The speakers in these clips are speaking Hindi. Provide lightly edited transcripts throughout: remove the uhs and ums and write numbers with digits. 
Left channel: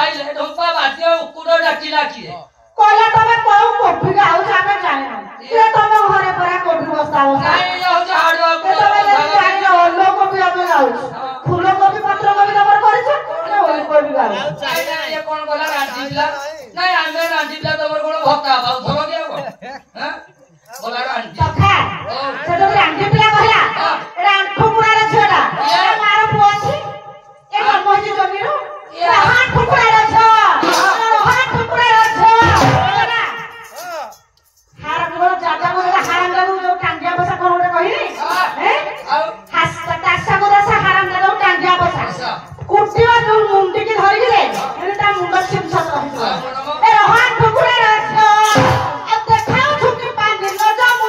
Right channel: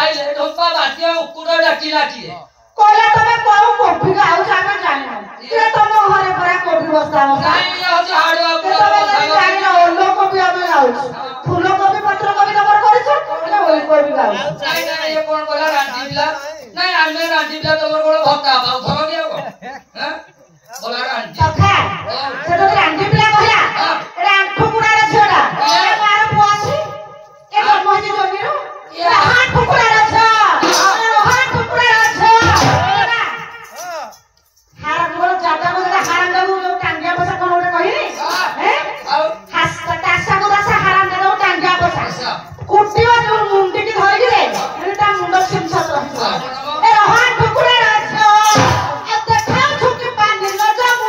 आइले ढोपा बातिया उकुड़ा डाकी डाकी कहला तमे कोउ कोफी गाउ खाबे जाने ये तम घरे परा कोफी बस्ता हो नहीं ये हो हाड़वा को तमे जानि न ओलो कोफी आमे गाउ फूल कोफी पत्र कोफी नंबर करिछ ना ओल कोफी गाउ नहीं नहीं ये कोन बोला रांटीला नहीं आमे रांटीला तमर कोन भक्ता बाउ थरो के हैं बोला रांटी सखा से तो रांटी पिला कहला एडा ठुकुरा रे छोड़ा ए मार पोछि ए मोजी जोगिरो ए हाथ ठुकुरा रे छ हाथ ठुकुरा रे छ हार मोर जाता मोर हाराम दागु जो टांगिया पैसा कोन ओटे कहिनी हैं हास तासा मोर सा हाराम दागु टांगिया पैसा कुटिवा जो मुंडी की धरि रे एटा मुंड सिमसा रहि ए हाथ ठुकुरा रे छ ए देखाउ ठुकी पानी न जामु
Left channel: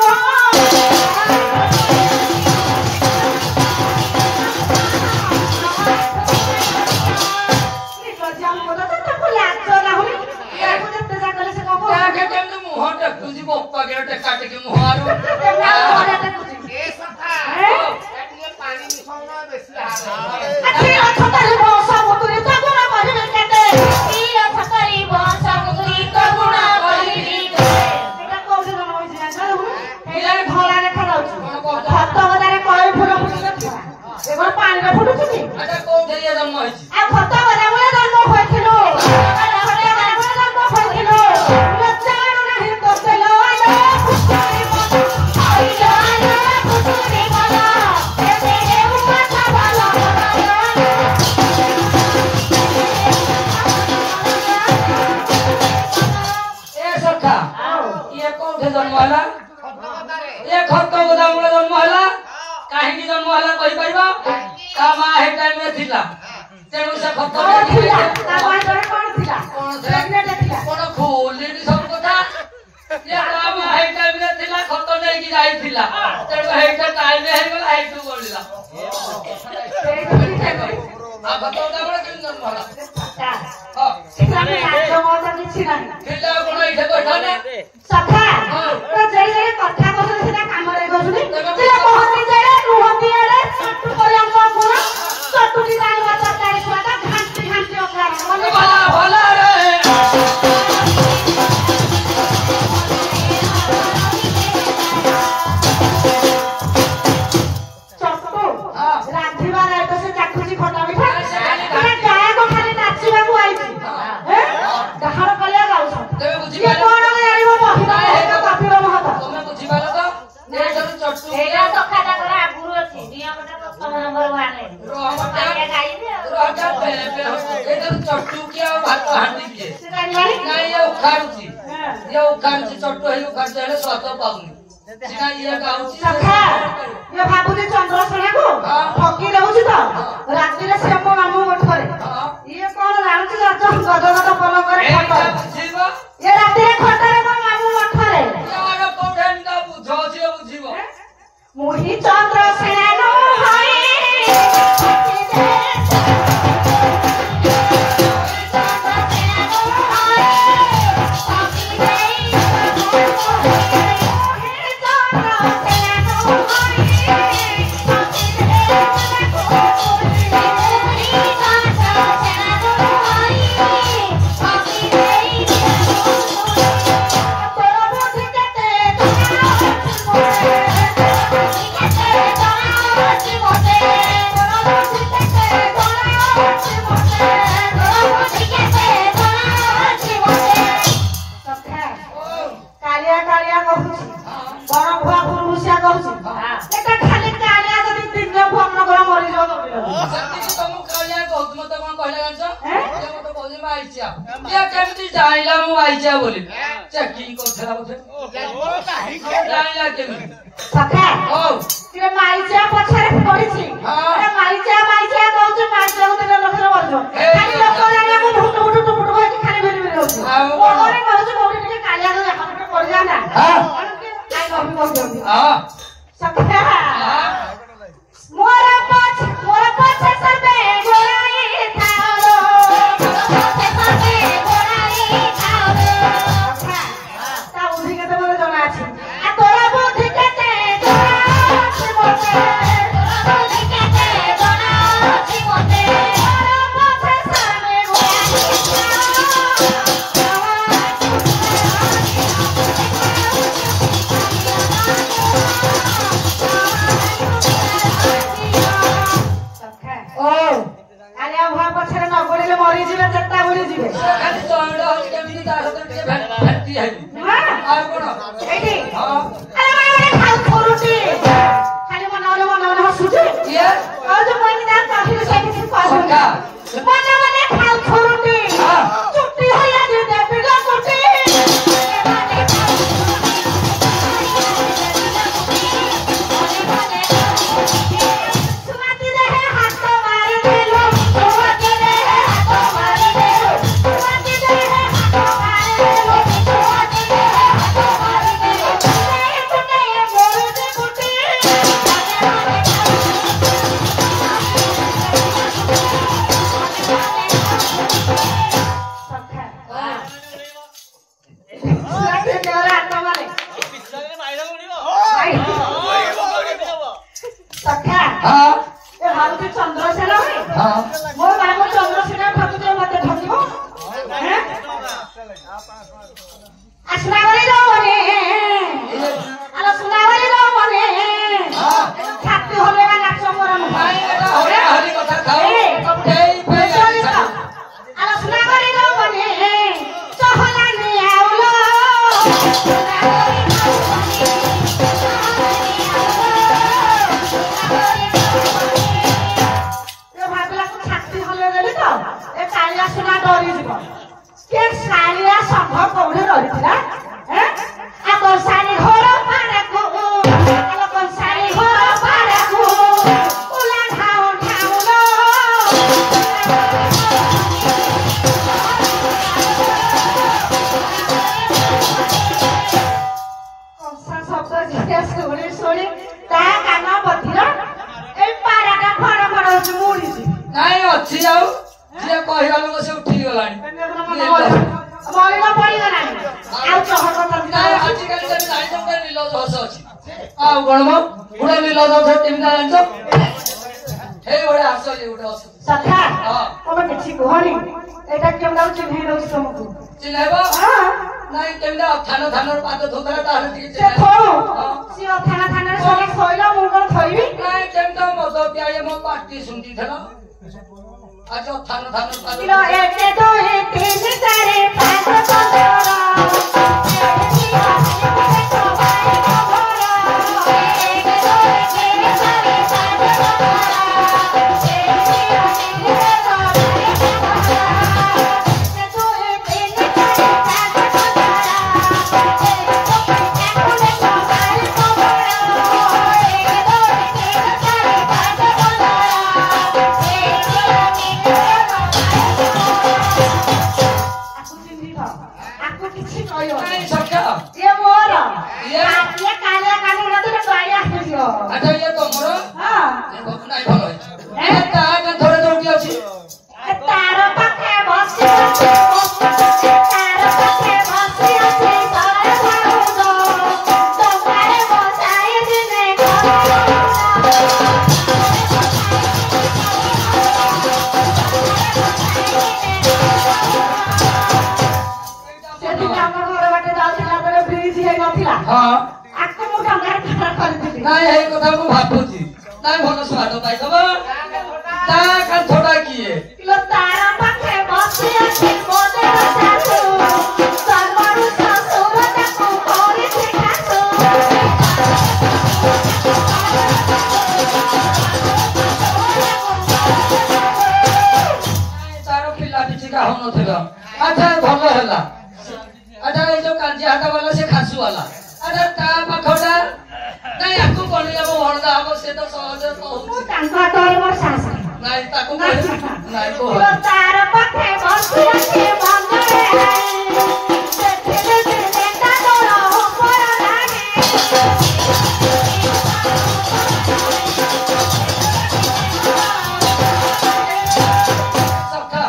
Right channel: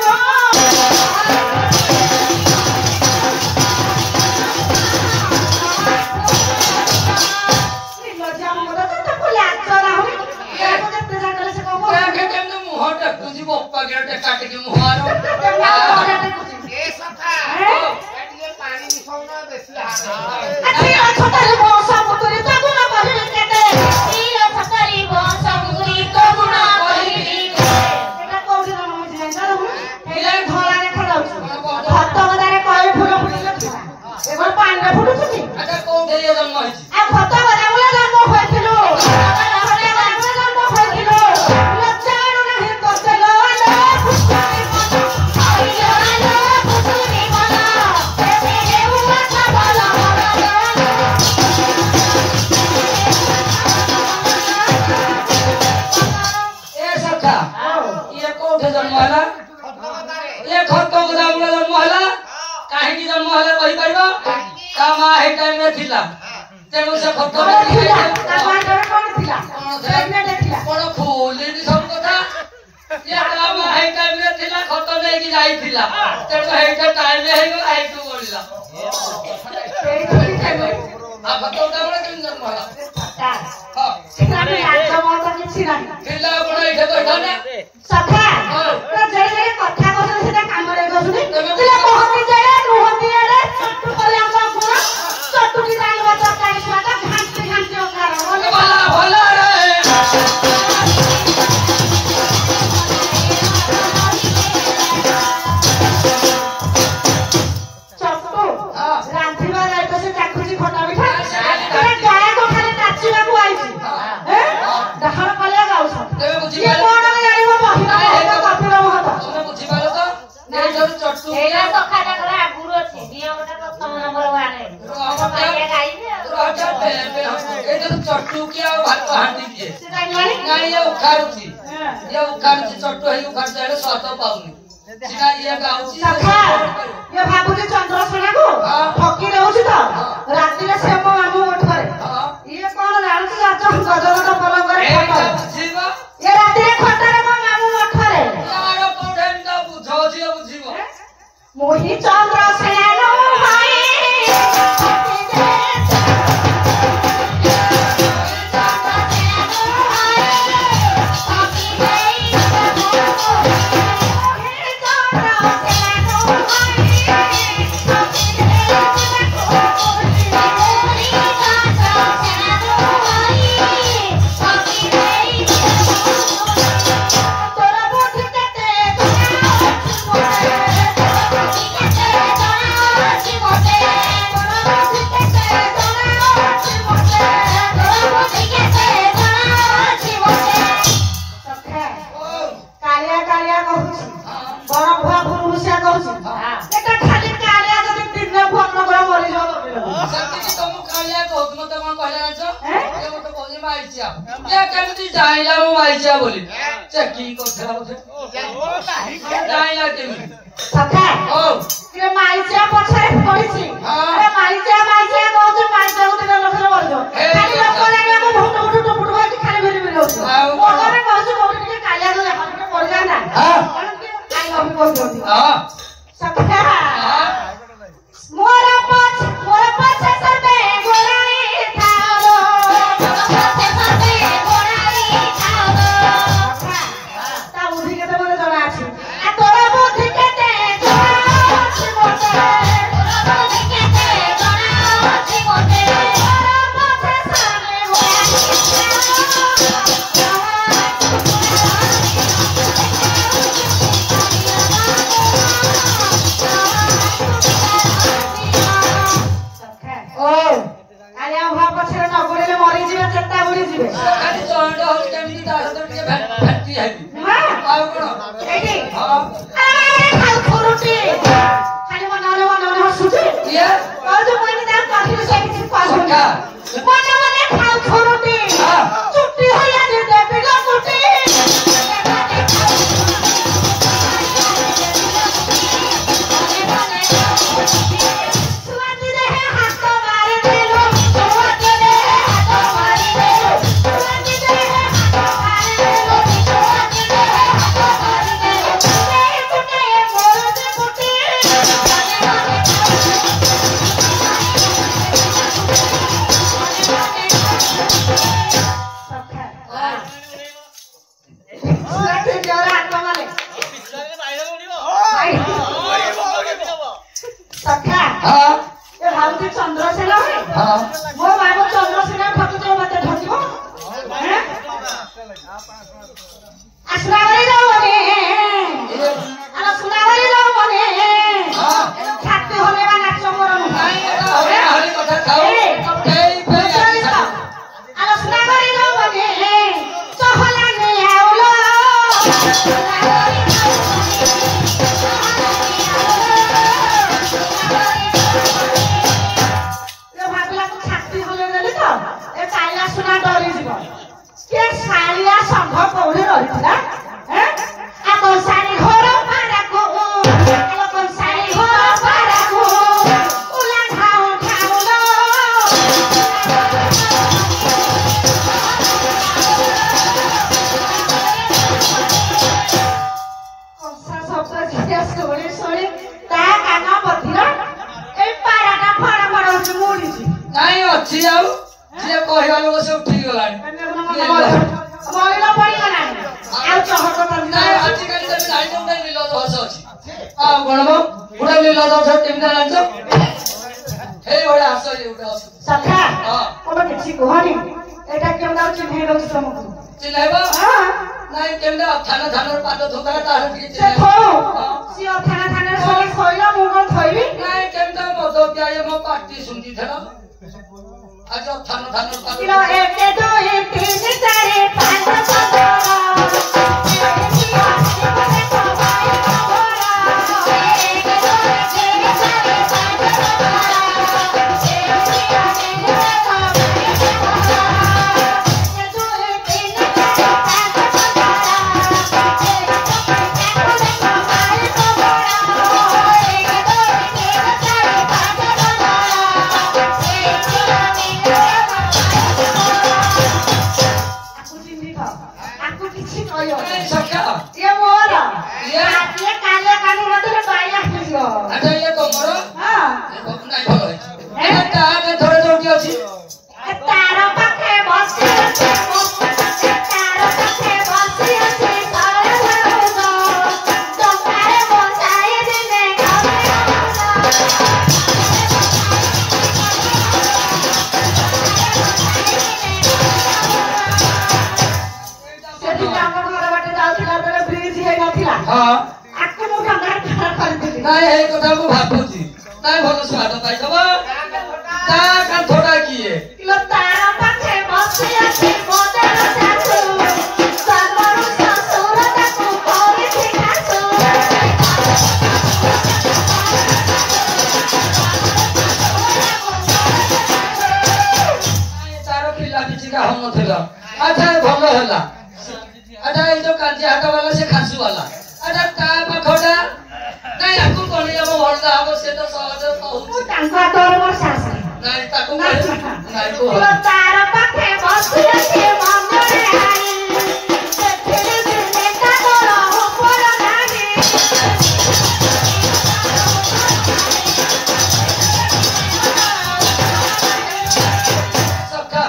पप्पा के काट के मुहारो ए सखा एटिए पानी मिसौना बेसी हारे अच्छी छतरी बसा मुतरी तो गुना बहिरे केते ई छतरी बसा मुतरी तो गुना बहिरे एटा कोठी न मोइ जान हेला धला रे खडाउछु भात गदारे कई फुल फुटिले एगो पानी रे फुटुछु नि अच्छा कोठे ये जन्म होइछि आ भात गदारे जन्म होइथिलो तेणु से खत्म खोली सब कथा ये काम है टाइम में थिला खत्म देकी जाई थिला तेणु हेटा टाइम में हेगला हेटु बोलिला आ खत्म ताबरे केन जन्म होला हां सिनानी राजा माता किछि नाही थिला कोन इठे बैठा ने सखा तो जड़ी जड़ी कथा कहले सेटा काम रे गसुनी तिला कहती जाय रुहती आड़े सट्टू कला को गुण सट्टू की जान बता काय स्वादा घांटी घांटी ओकार भला भला रे सट्टू रांधीवा राय तो से चाकुची खटा मिठा अरे गाय को खाली नाचिवा को आइछि हैं दहाड़ कलिया गाउछ ये कोन जानिबो महिला हेता कपिला महत तुमे बुझी पालो तो ने जर चट्टू एला सखाटा करे आगुरु अछि नियमटा प्रथम नंबर वाने आगे गाइबे चट्टू क्या भात हांडी के सेटा मानी नहीं ये उखाड़ुची चट्टू है उखाड़ देले स्वाद पाउनी सिना ये गाउची सखा ये भाबुजी चंद्रसेना को ठकी रहउछि त राती रे से मो मामू मठ करे ये कोन जानछि जात गदगद पलंग करे जीवा ये राती रे खटरे मो मामू मठ करे यार कोठेन दा बुझो छी बुझिबो मोहि चंद्रसेना नो हाय बोली चेकिंग करथला बोले जाइला केमी सखा रे माइचा पछरे पड़िछि अरे माइचा कहछ पांच जण तेरे लखरे वर्जो खाली लखरे को भुट भुट भुट होई खाली भिरी भिरी होछ ओरे कहछ कोठी के कालिया रे हमके पड़ जाना हां आई हम कोइ जल्दी हां सखा मोरा पछ सरबे गोराई थारो सरबे गोराई थारो ता उधी के तमरे जणा अछि आ तोरा बुद्धि केते जणाछि मोते तोरा बुद्धि केते जणाछि मोते मोरा पछ सरबे गोराई ଡରି ଯିବେ ଖାଲି ଚଣ୍ଡ ହଉଛି କେମିତି ତା ସହିତ ଟିକେ ଭେଟି ହେବି ଆଉ କଣ ଏଇଠି ହଁ ଖାଉ ରୁଟି ଖାଲି ମନରେ ହସୁଛି ଇଏ ଯୋଉ ମାନେ ତା ପାଖରେ ସେ କିଛି ସଖା ମନେ ମନେ ଖାଉ ରୁଟି ଚୁଟି ହୋଇଆ ଦେବି ଲୋ କୁଟି ଚନ୍ଦ୍ରଶେଖର ମୋ ମାମୁଁ ଚନ୍ଦ୍ରଶେଖର ଠକୁଛ ମତେ ଠକିବ ଆସିବାଗଳି ଦଉନି ଆର ସୁନାଗଳି ଦଉନି ଛାତି ହଲେଇବା ନାଚ ମୋର ଆର ସୁନାଗଳି ଦଉନି ଚହଲାନି ଆଉଲ ସୁନା ଡରିଯିବ କିଏ ଶାଳିଆ ସମ୍ଭବ କୋଉଠି ରହିଥିଲା ଆମ ଶାଳି ଘର ପାରାକୁ ଆମ ଶାଳି ଘର ପାରାକୁ ଉଲା ଢାଉ ଢାଉଲ କଂସା ଶବ୍ଦ ଯିଏ ଶୁଣି ଶୁଣି ତା କାନ ପଥିର ଏଇ ପାରାଟା ଫଡ ଫଡ ହଉଛି ମୁଡିଛି ନାଇଁ ଅଛି ଆଉ ସିଏ କହିବା ଲୋକ ସେ ଉଠିଗଲାଣି ମରିବା ପଡିଗଲାଣି ଆଉ ଚହଟ ନାଇଁ ଆଜିକାଲି ତମେ ଜାଣିଛ ଗୋଟେ ନୀଳ ଦୋଷ ଅଛି ଆଉ କଣ ମ ଗୋଟେ ନୀଳ ଦୋଷ କେମିତି ଜାଣିଛ ହେଇ ଗୋଟେ ଆସ ଇଏ ଗୋଟେ ଅଛି ସଖା ତମେ କିଛି କୁହନି ଏଇଟା କେମିତି ଚିହ୍ନେଇ ଦଉଛି ତମକୁ ଚିହ୍ନେଇବ ନାଇଁ କେମିତି ଥାନ ଥାନର ପାଦ ଧୋତା ତାହେଲେ ଟିକେ ସେ ସିଏ ଥାନା ଥାନରେ ଶୋଇ ଶୋଇଲା ମୁଁ କଣ ଥୋଇବି ନାଇଁ କେମିତି ମଦ ପିଆଇ ମୋ ପାଟି ଶୁଣିଥିଲା आज थान थान लो एक दो तीन चार पांच ନାଇଁ ଏଇ କଥା ମୁଁ ଭାବୁଛି ନାଇଁ ଭଲ ସ୍ୱାଦ ପାଇଦବା ତା କାନ୍ଥଟା କିଏ ତାର ପାଖେ ବସି ଅଛି ମୋଦର ଶାଶୁ ସର୍ବରୁ ଶ୍ୱଶୁର ତାକୁ କରିଛି ଶାଶୁ ତାର ପିଲା ପିଛିକା ହଉନଥିଲା ଆଚ୍ଛା ଭଲ ହେଲା ଆଚ୍ଛା ଏଇ ଯୋଉ କାଞ୍ଜିଆ ହାଟ ବାଲା ସେ ଖାସୁ ବାଲା ଆଚ୍ଛା ତା ପାଖଟା ନାଇଁ ଆକୁ କଣିଯାବ ଭଲଟା ହବ ସେ ତ ସହଜ କହୁଛି ତାଙ୍କ ହାତରେ ମୋର ଶାଶୁ ନାଇଁ ତାକୁ ନାଇଁ କୁହ ତାର ପାଖେ ବସି ଅଛି ମନରେ ଆଇ ସେଥିରେ ଚିନ୍ତା କର ଉପର ନାରୀ ସଖା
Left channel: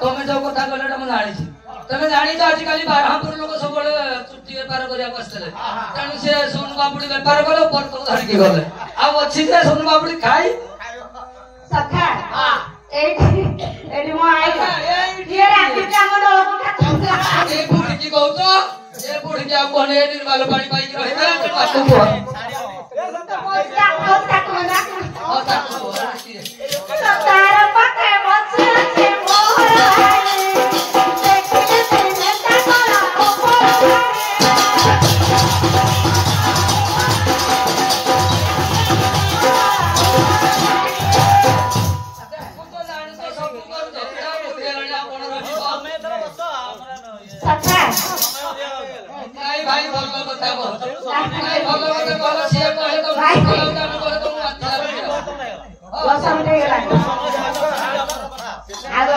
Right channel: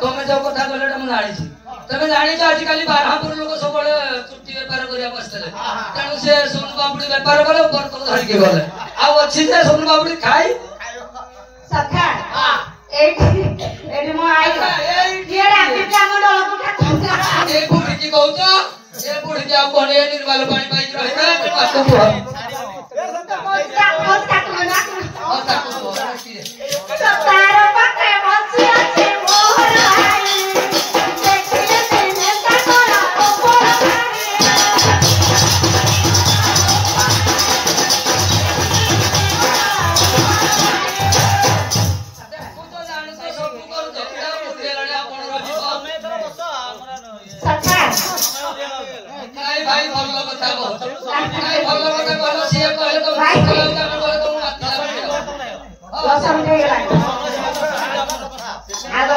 ତମେ ଯୋଉ କଥା କହିଲେ ମୁଁ ଜାଣିଛି ତମେ ଜାଣିଛ ଆଜିକାଲି ବାରହାପୁର ଲୋକ ସବୁବେଳେ ଚୁଟି ବେପାର କରିବାକୁ ଆସିଥିଲେ ତେଣୁ ସେ ସୋନ ପାପୁଡି ବେପାର କଲେ ବର୍ତ୍ତମାନ ଧରିକି ଗଲେ ଆଉ ଅଛି ଯେ ସୋନ ପାପୁଡି ଖାଇ ସଖା ଏଇଠି ମୋ ଆଇ କିଏ ରାତିଟା ଆମ ଦଳକୁ ଏ ବୁଢୀକି କହୁଛ ଏ ବୁଢୀକି ଆଉ କଣ ଏ ନିର୍ମାଲ ପାଣି ପାଇକି ରହିବେ ତାକୁ କୁହ ତାର ପାଖେ ବସି ଅଛି ମୋର ନାଇଁ ଭାଇ ଭଲ କଥା କହ ନାଇଁ ଭଲ କଥା କହିଲ ସିଏ କହେ ତ ଭାଇ କହେ ତ ମୁଁ ମାଥା 10 ମିନିଟ୍ ହେଇଗଲାଣି ଆଗ